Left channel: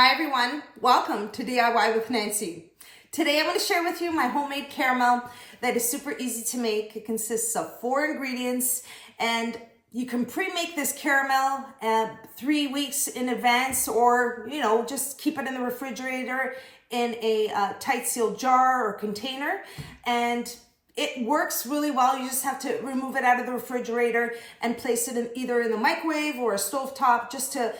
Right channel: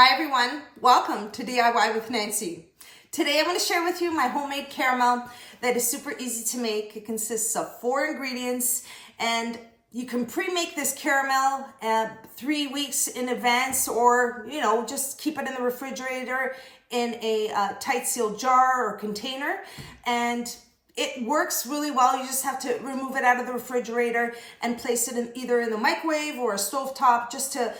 Hi everyone, welcome to DIY with Nancy. Today I'm going to share with you my homemade caramel that is super easy to make. It consists of 4 ingredients and you can pre-make this caramel 3 weeks in advance, or just keep it in the refrigerator in a tight sealed jar or container, and it works really well. You just have to remove it out of the refrigerator and place it either in the microwave or a stovetop just to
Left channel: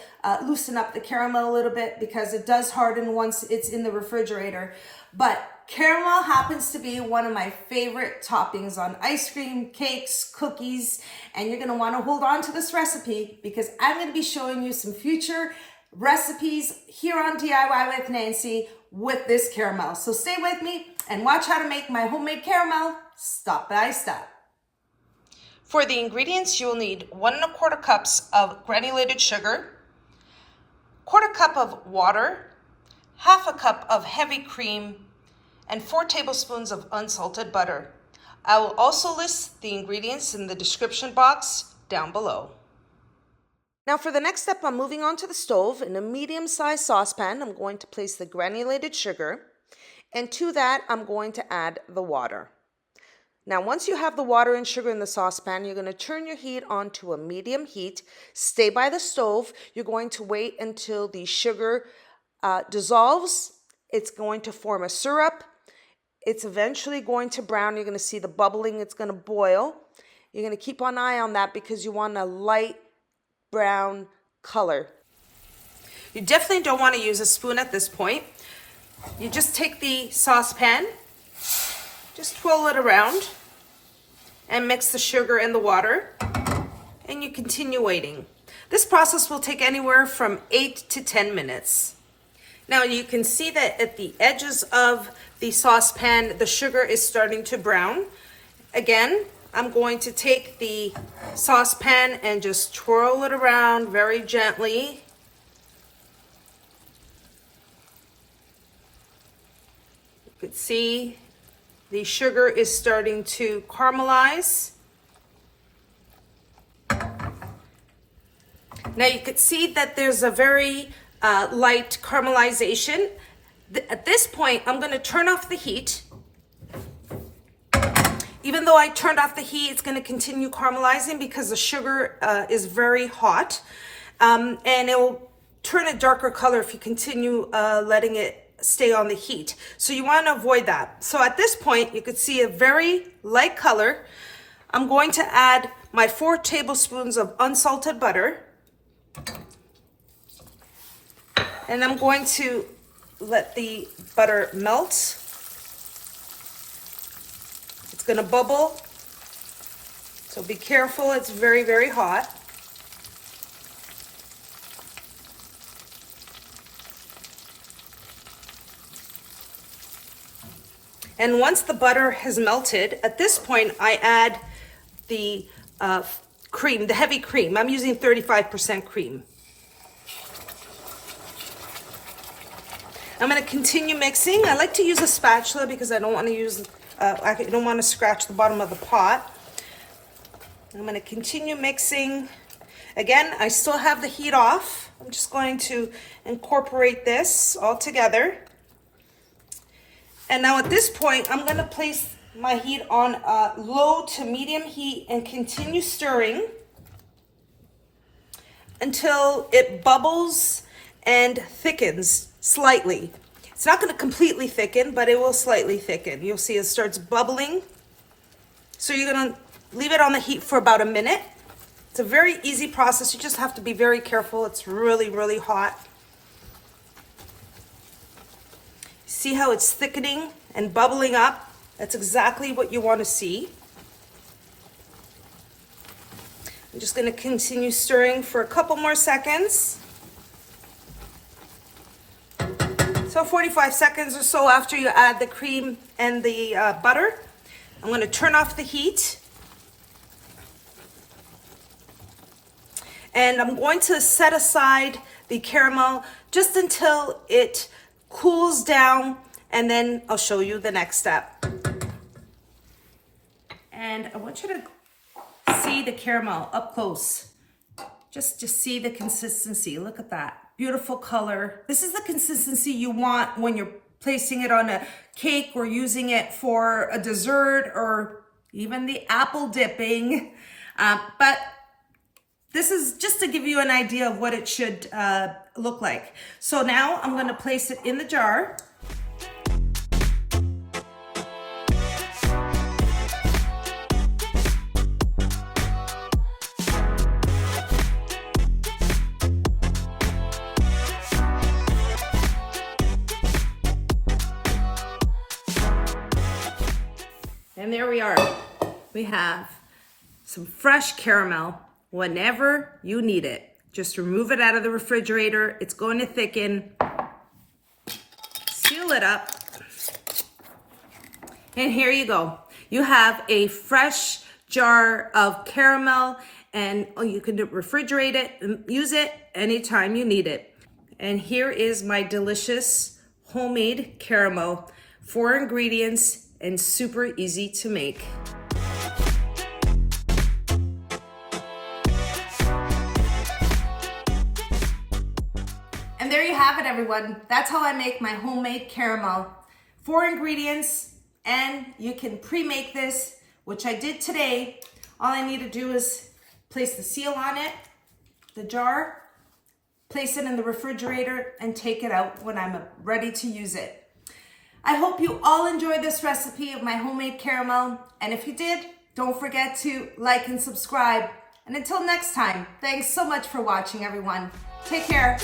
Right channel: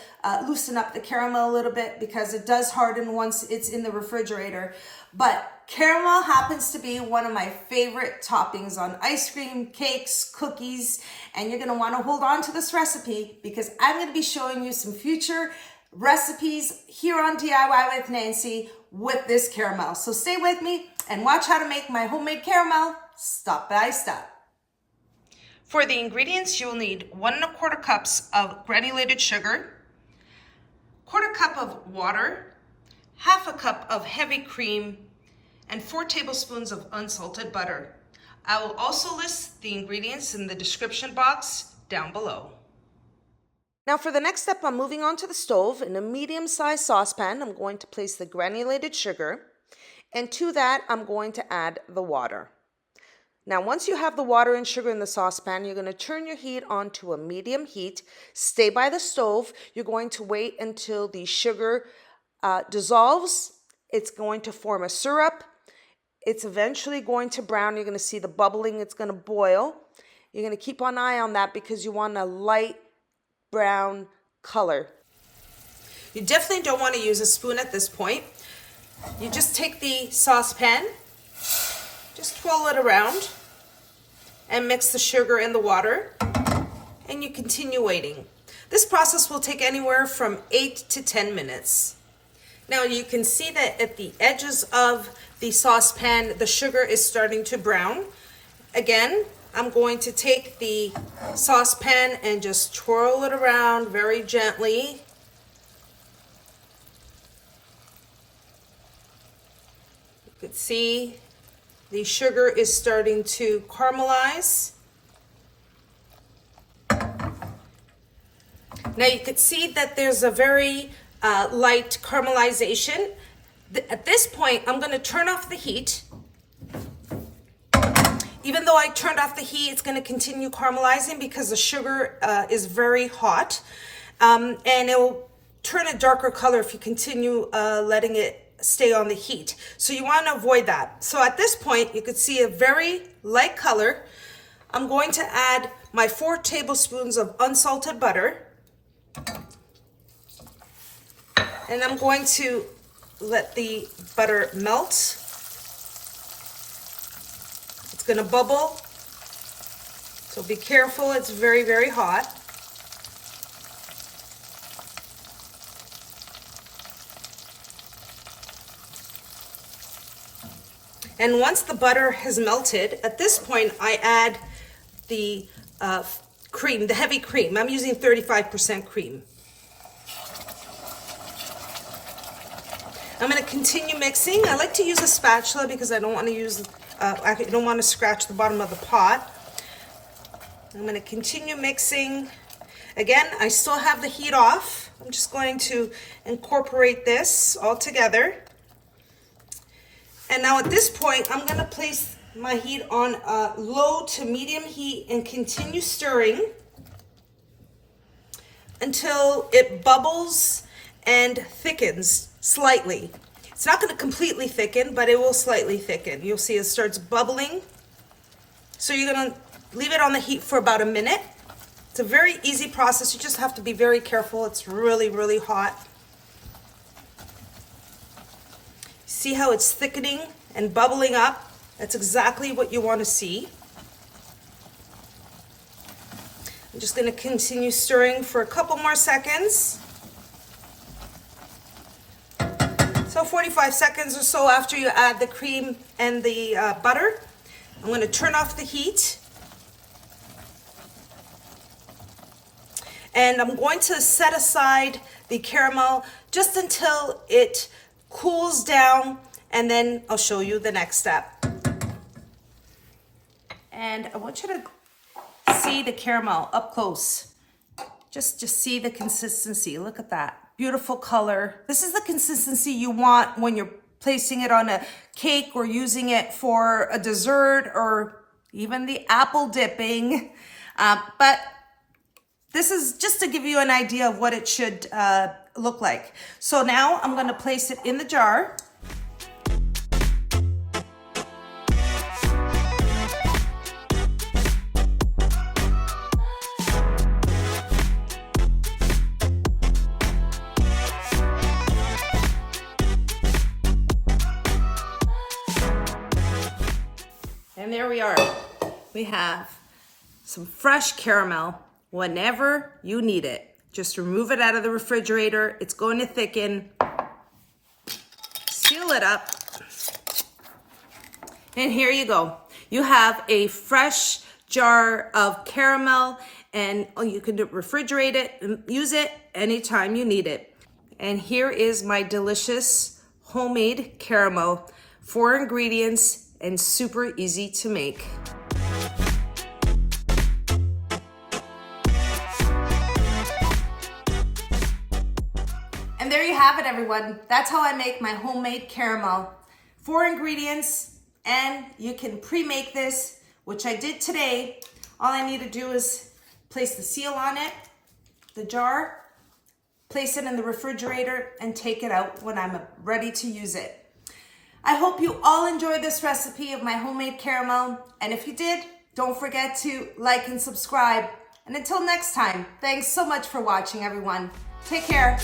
loosen up the caramel a little bit, because it does harden once it's in the refrigerator. But caramel happens to be one of my favorite toppings on ice cream, cakes, cookies, and you're gonna wanna hold on to this recipe because I'm gonna be showing you some future recipes here on DIY with Nancy with this caramel. So stay with me and watch how to make my homemade caramel step by step. For the ingredients, you'll need 1 1/4 cups of granulated sugar, 1/4 cup of water, 1/2 cup of heavy cream, and 4 tablespoons of unsalted butter. I will also list the ingredients in the description box down below. Now for the next step, I'm moving on to the stove. In a medium-sized saucepan, I'm going to place the granulated sugar, and to that, I'm going to add the water. Now, once you have the water and sugar in the saucepan, you're going to turn your heat on to a medium heat. Stay by the stove. You're going to wait until the sugar dissolves. It's going to form a syrup. It's eventually going to brown. You're going to see the bubbling. It's going to boil. You're going to keep an eye on that because you want a light brown color. You definitely don't want to use a spoon at this point. You just take the saucepan, just twirl it around and mix the sugar and the water, and you continue waiting. This process will take anywhere from 8 to 10 minutes. Now you can see that at the edges of the saucepan, the sugar is starting to brown. Again, I'm going to take the saucepan and just twirl it around very gently. You can see the sugar is starting to caramelize. Now you can see that there's a very light caramelization. At this point, I'm going to turn off the heat. Even though I turned off the heat, it's going to continue caramelizing because the sugar is very hot, and it will turn a darker color if you continue letting it stay on the heat. So you want to avoid that. So at this point, you can see a very light color. I'm going to add my 4 tablespoons of unsalted butter, and I'm going to let the butter melt. It's going to bubble, so be careful. It's very, very hot. And once the butter has melted, at this point I add the cream, the heavy cream. I'm using 35% cream. I'm going to continue mixing. I like to use a spatula because I don't want to use I don't want to scratch the bottom of the pot. I'm going to continue mixing. Again, I still have the heat off. I'm just going to incorporate this all together. And now at this point, I'm going to place my heat on low to medium heat and continue stirring until it bubbles and thickens slightly. It's not going to completely thicken, but it will slightly thicken. You'll see it starts bubbling. So you're going to leave it on the heat for about a minute. It's a very easy process. You just have to be very careful. It's really, really hot. See how it's thickening and bubbling up? That's exactly what you want to see. I'm just going to continue stirring for a couple more seconds. So 45 seconds or so after you add the cream and the butter, I'm going to turn off the heat. And I'm going to set aside the caramel just until it cools down, and then I'll show you the next step. And I want you to see the caramel up close. Just see the consistency. Look at that. beautiful color. This is the consistency you want when you're placing it on a cake or using it for a dessert or even the apple dipping. But this is just to give you an idea of what it should look like. So now I'm gonna place it in the jar. And there we are. We have some fresh caramel whenever you need it. Just remove it out of the refrigerator. It's going to thicken. Seal it up. And here you go. You have a fresh jar of caramel, and you can refrigerate it and use it anytime you need it. And here is my delicious homemade caramel. 4 ingredients and super easy to make. And there you have it, everyone. That's how I make my homemade caramel. 4 ingredients, and you can pre-make this, which I did today. All I need to do is place the seal on it, the jar, place it in the refrigerator, and take it out when I'm ready to use it. I hope you all enjoyed this recipe of my homemade caramel. And if you did, don't forget to like and subscribe. And until next time, thanks so much for watching, everyone. Take care.